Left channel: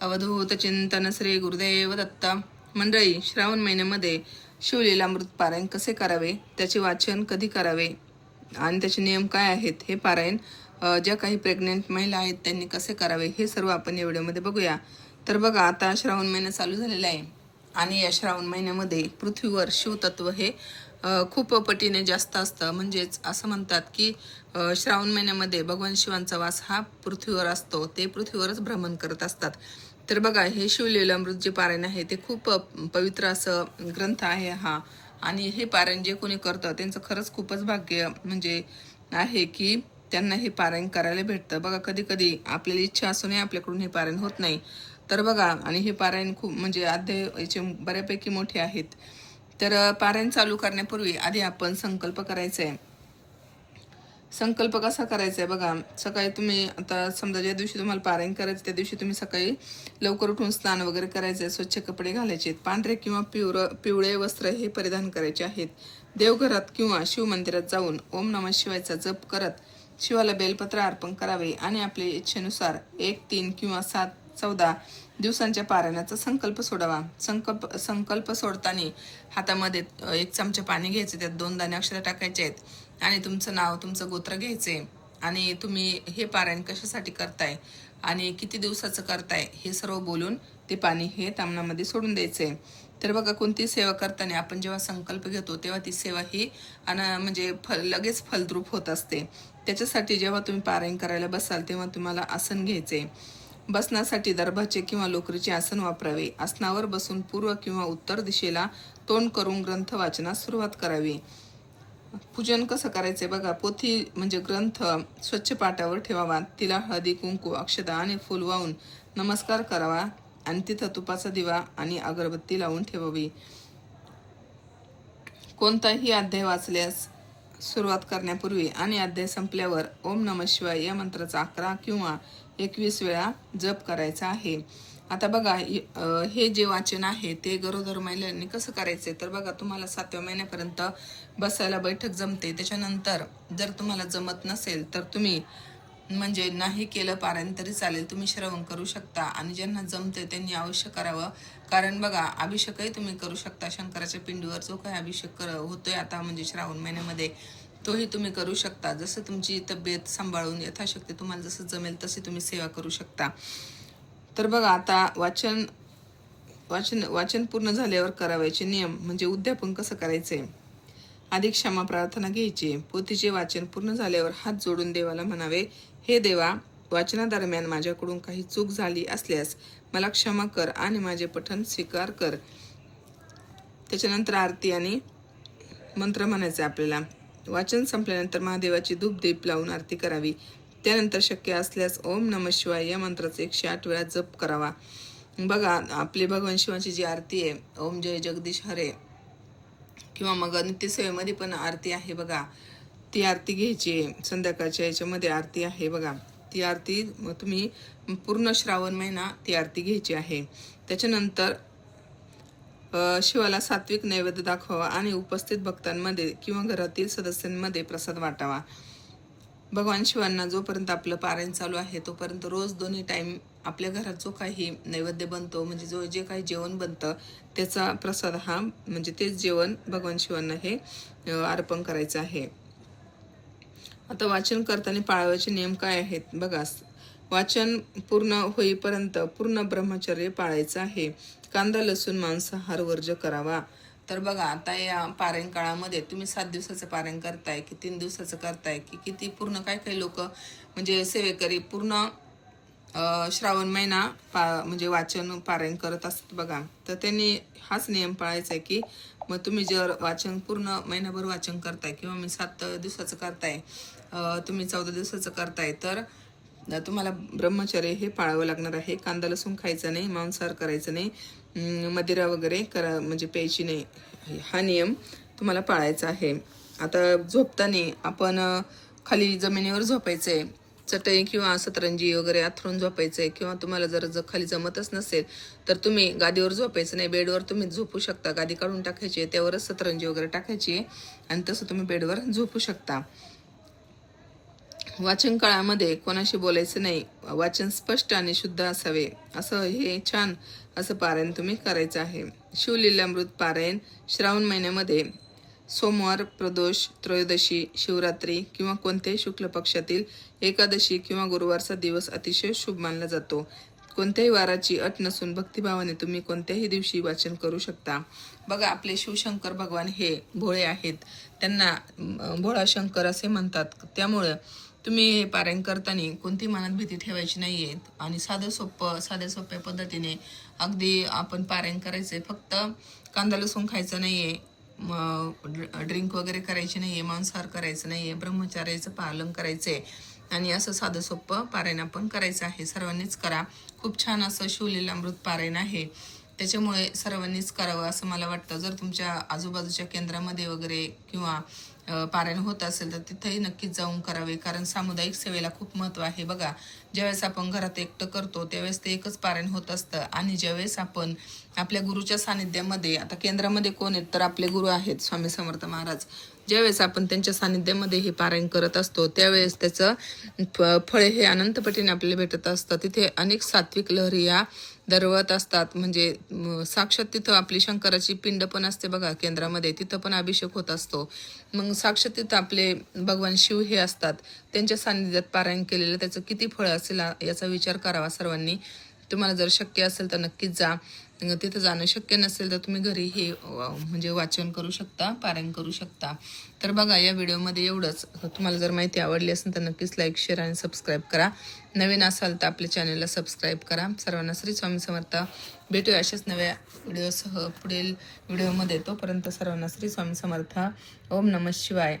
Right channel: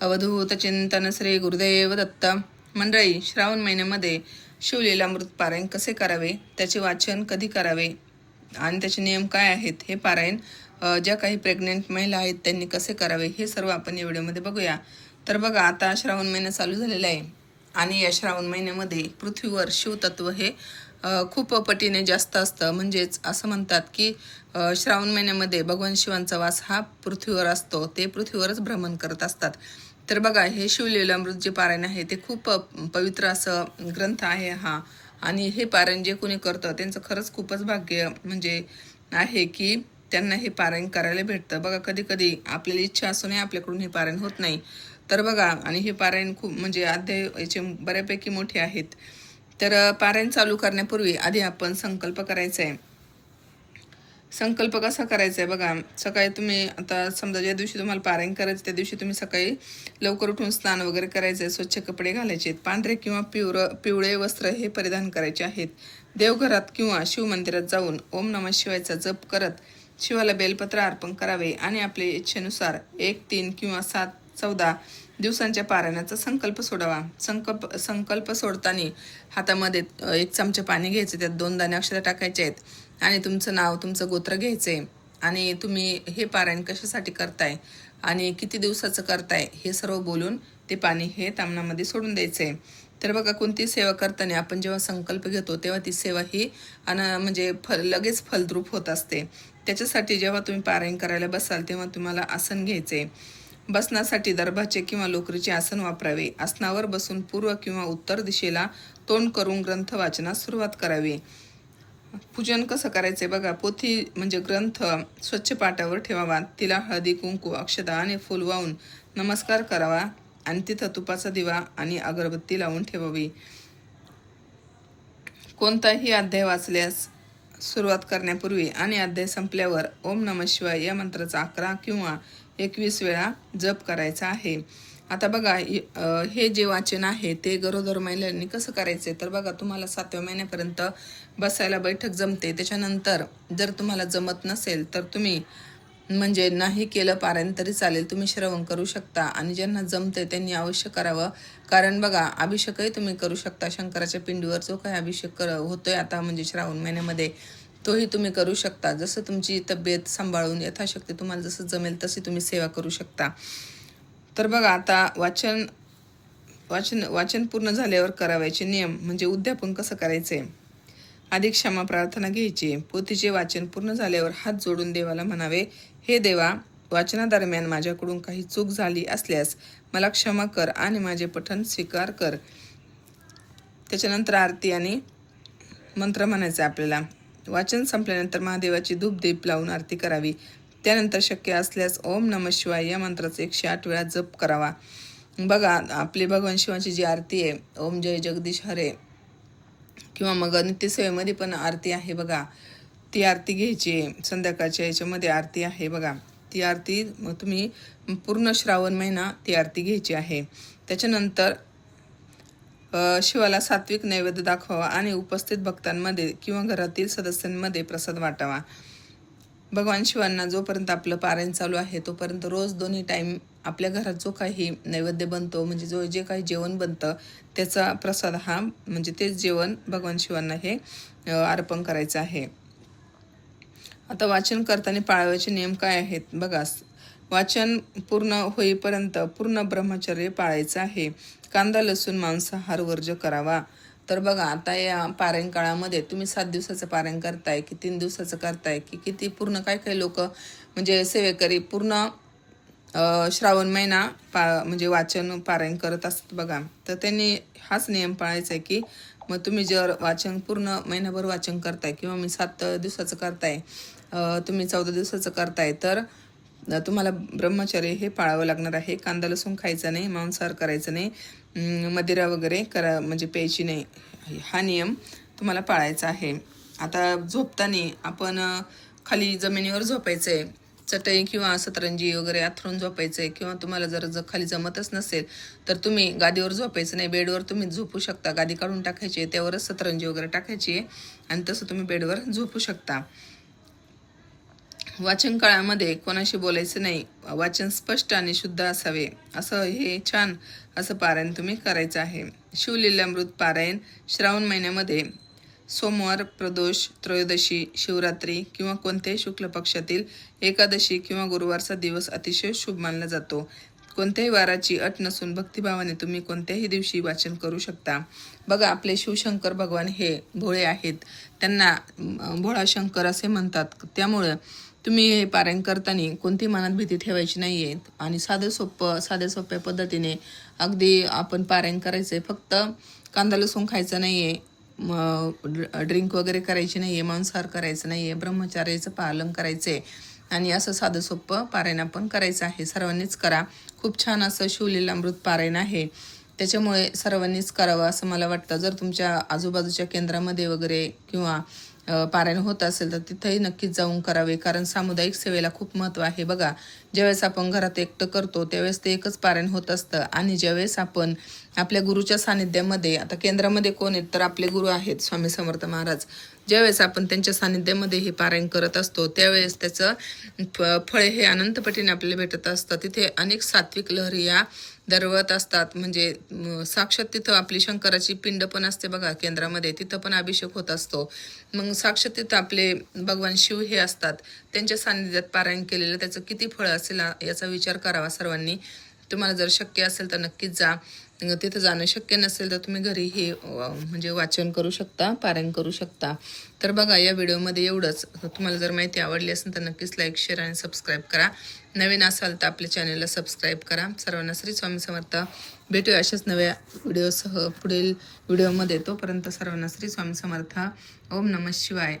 अवधूत चिंतन श्री गुरुदेव दत्त. मंडळी, श्रावण महिन्यामध्ये शिवलीलामृत पारायण कसे करावे, त्याचे वाचन कधी करावे आणि त्याचे नियम काय आहेत, हे पारायण ज्या काही प्रेग्नेंट महिला आहेत त्यांनी कसे करावे, हे सर्व आपण या व्हिडिओमध्ये बघूया. तर बघा, आता श्रावण महिना चालू झालेला आहे आणि या श्रावण महिन्यामध्ये पृथ्वीवर शिवतत्व हे खूप पटीने जास्त असतं. म्हणजेच असं म्हणतात की श्रावण महिन्यामध्ये भगवान शिवांचा वास हा पृथ्वीवर असतो, ते पृथ्वीवरच भ्रमण करत असतात. तर बघा, हे शिवलीलामृत जे पारायण आहे ते खूप पवित्र असं ग्रंथ आहे हा. आणि हे पारायण जे कोणी करतं त्यांचं खरंच खूपच भाग्य म्हणजे आहे की त्यांना हे पारायण करायला भेटतं. बघा, कधी कधी आपल्याला इच्छा असूनही आपल्याकडून हे पारायण होत नाही. तर बघा, आणि हे पारायण खूप म्हणजे अध्याय याचे बऱ्यापैकी मोठे आहेत. तर पारायण चालू करण्यापूर्वी आधी आपण संकल्प करायचा आहे. संकल्प कसा करायचा आहे बघा, सकाळी तुम्ही आता समजा ज्या दिवशी तुम्हाला पारायण करायचं त्या दिवशी तुम्ही सकाळी लवकर उठून स्नान वगैरे करायचे, स्वच्छ कपडे घालायचे, पांढरे किंवा पिवळे वस्त्र हे परिधान करायचे आहेत. देवघरात किंवा शिव मंदिरात जाऊन ओम नमः शिवायचा जप करत शिवाला बेलपत्र अर्पण करावे आणि आपल्या इच्छेनुसार 1, 3 किंवा 7, 14 दिवसांच्या पारायणाचा संकल्प सोडावा. संकल्प सोडताना हातामध्ये 1 चमचा पाणी घ्यायचे, त्यात 2 दाणे अक्षर टाकायचे आहेत आणि तुमचं नाव, तुमचं गोत्र घ्यायचंय आणि तुम्ही हे पारायण कशासाठी करताय आणि किती दिवसाचं करताय हे सर्व बोलून ते पाणी हे तामणामध्ये सोडून द्यायचंय. तर बघा, कोणती सेवा करताना आपण जेव्हा संकल्प घेतो तेव्हा ती सेवा ही म्हणजे लगेच फलद्रूप होत असते. त्याच्यासाठी जेव्हा तुम्ही पारायण करायला बसाल तेव्हा तुम्हाला आसन घ्यायचे. बसण्यासाठी दर्भाचे किंवा लोकरीचे आसन वापरावे. आसनावर बसून पूर्व किंवा उत्तर दिशेला तोंड करून ग्रंथ वाचनास सुरुवात करावी. पूजन कसं करायचंय बघा, पोथी म्हणजे ग्रंथ स्वच्छ पाटावर ठेवावा, तिला हळदी, कुंकू, अक्षता आणि फुल वाहून नमस्कार करावा आणि तिथं तुपाचा दिवा आणि अगरबत्ती लावून ठेवावी. कोणताही अध्याय वाचल्यास सुरुवात करण्यापूर्वी आणि अध्याय संपल्यावर ओम नमः शिवाय या मंत्राचा 11 किंवा 21 वेळा जप करायचा आहे. आता बघा, हे जे वाचन आहे ते गरोदर महिलांनी कसं करायचंय तर बघा, तुम्हाला 7व्या महिन्यापर्यंत बसायला बैठक जमते. त्याच्यानंतर जर तुम्हाला जमत नसेल तर तुम्ही म्हणजे नाही केलं पारायण तरी चालेल, तुम्ही श्रवण करू शकता. आणि ज्यांना जमते त्यांनी अवश्य करावं, कारण बघा, अभिषेकही तुम्ही करू शकता. शंकराच्या पिंडीवर जो काही अभिषेक होतोय आता म्हणजे श्रावण महिन्यामध्ये, तोही तुम्ही करू शकता. जसं तुमची तब्येत सांभाळून यथाशक्ती तुम्हाला जसं जमेल तशी तुम्ही सेवा करू शकता. तर बघा, आता वाचन वाचन वाचन पूर्ण झाल्यावर करावायचे नियम म्हणजे उद्यापन कसं करायचंय. आधी क्षमा प्रार्थना घ्यायची. पोथीचे वाचन पूर्ण झाल्यावर हात जोडून देवाला म्हणावे, हे देवा, वाचनादरम्यान माझ्याकडून काही चूक झाली असल्यास मला क्षमा कर आणि माझे पठण स्वीकार कर. त्याच्यानंतर आरती आणि मंत्र म्हणायचा आपल्याला. वाचन संपल्यानंतर महादेवाची धूप दीप लावून आरती करावी. त्यानंतर शक्य असल्यास ओम नमः शिवाय या मंत्राचा 108 वेळा जप करावा. बघा, आपली भगवान शिवाची जी आरती आहे, ओम जय जगदीश हरे, किंवा मग नित्यसेवेमध्ये पण आरती आहे बघा, ती आरती घ्यायची. संध्याकाळच्या याच्यामध्ये आरती आहे बघा, ती आरती मग तुम्ही पूर्ण श्रावण महिना ती आरती घ्यायची आहे. त्याच्यानंतर शिवाला सात्विक नैवेद्य दाखवावा आणि उपस्थित भक्तांमध्ये किंवा घरातील सदस्यांमध्ये प्रसाद वाटावा. भगवान शिवांना जोपर्यंत आपलं पारायण चालू आहे तोपर्यंत रोज 2 टाइम आपल्या घरात जो काही नैवेद्य बनतो म्हणजे जे काही जेवण बनतं त्याचा प्रसाद हा म्हणजे तेच जेवण भगवान शिवांना हे अर्पण करायचं आहे. आता वाचन करताना पाळावयाचे नियम काय आहेत बघा. वाचन पूर्ण होईपर्यंत पूर्ण ब्रह्मचर्य पाळायचं आहे. कांदा, लसूण, मांसाहार वर्ज्य करावा. तर बघा, आता या पारायण काळामध्ये तुम्ही 7 दिवसाचं पारायण करताय की 3 दिवसाचं करताय की किती, पूर्ण काही लोक म्हणजे सेवेकरी पूर्ण श्रावण महिना म्हणजे वाचन पारायण करत असतात बघा. तर त्यांनी हाच नियम पाळायचा आहे की मग तुम्ही जर वाचन पूर्ण महिनाभर वाचन करताय किंवा मी 7 दिवसाचं करताय, तुम्ही 14 दिवसाचं करताय, तर तुम्हाला ब्रह्मचर्य हे पाळावं लागणार आहे. कांदा लसूण खायचा नाही, मांसाहार करायचं नाही, मदिरा वगैरे म्हणजे प्यायची नाही. हा नियम तुम्हाला पाळायचा आहे. आता झोपताना आपण खाली जमिनीवर झोपायचंय, चटई किंवा सतरंजी वगैरे अथरून झोपायचंय. किंवा तुम्हाला जर खाली जमतच नसेल तर तुम्ही गादीवर झोपायचं नाही, बेडवर तुम्ही झोपू शकता. गादी काढून टाकायची, त्यावरच सतरंजी वगैरे टाकायची आणि तसं तुम्ही बेडवर झोपू शकता. वाचन काळामध्ये कोणाशी बोलायचं नाही, वाचन स्पष्ट आणि शुद्ध असावे. असं हे छान असं पारायण तुम्ही करायचं आहे. शिवलीलामृत पारायण श्रावण महिन्यामध्ये सोमवार, प्रदोष, त्रयोदशी, शिवरात्री किंवा कोणत्याही शुक्ल पक्षातील एकादशी किंवा गुरुवारचा दिवस अतिशय शुभ मानला जातो. कोणत्याही वाराची अट नसून भक्तिभावाने तुम्ही कोणत्याही दिवशी वाचन करू शकता. बघा, आपले शिवशंकर भगवान हे भोळे आहेत, त्यांना भोळा शंकर असे म्हणतात. त्यामुळे तुम्ही हे पारायण करताना कोणती मनात भीती ठेवायची नाहीये आणि साध्या सोप्या पद्धतीने अगदी आपण पारायण करायचंय. फक्त कांदा लसूण खायचं नाहीये, ड्रिंक वगैरे करायची नाहीये, मांसाहार करायचं नाहीये, ब्रह्मचार्याचं पालन करायचंय आणि असं साधं सोपं पारायण आपण करायचं आहे. सर्वांनीच करा. खूप छान असं शिवलीलामृत पारायण आहे, त्याच्यामुळे सर्वांनीच करावं असं मला वाटतं. जर तुमच्या आजूबाजूच्या केंद्रामध्ये वगैरे किंवा पारायण होत असेल तर तिथेही नक्कीच जाऊन करावे, कारण सामुदायिक सेवेला खूप महत्त्व आहे. बघा, ज्यावेळेस आपण घरात एकटं करतो त्यावेळेस ते एकच पारायण होत असतं आणि ज्यावेळेस आपण आपल्या गुरुच्या सानिध्यामध्ये, आता केंद्रामध्ये कोण आहेत तर आपले गुरु आहेत स्वामी समर्थ महाराज, ज्यावेळेस आपण त्यांच्या सानिध्यामध्ये हे पारायण करत असतो त्यावेळेस त्याचं फळ हे अनंतपटीने आपल्याला भेटत असतं. तिथे अनेक सात्विक लहरी या दरवळत असतात. म्हणजे साक्षात तिथं आपली शंकराची पिंड पण असते बघा केंद्रामध्ये, तिथं पण अभिषेक होत असतो. मग साक्षात तिथं आपले भगवान शिव हे असतात. त्यांच्या सानिध्यात पारायण केलेलं त्याचं किती फळ असेल याचा विचार करावा सर्वांनी. तुम्हाला जर शक्य असेल तर नक्कीच जा. तिथं जाणं शक्य नसेल तर तुम्ही घरी हे म्हणजे वाचन करू शकता, पारायण करू शकता. तर बघा, या व्हिडिओमध्ये एवढंच. तुम्हाला जर माहिती आवडली असेल तर नक्कीच लाईक, शेअर आणि सबस्क्राईब करा. नवीन असाल तर आपल्या चॅनलला सबस्क्राईब करा. सर्वांना श्री स्वामी समर्थ. भेटूया अशाच नव्या व्हिडिओसह पुढील व्हिडिओमध्ये. तोपर्यंत सर्वांना श्री स्वामी समर्थ. ओम नमः शिवाय.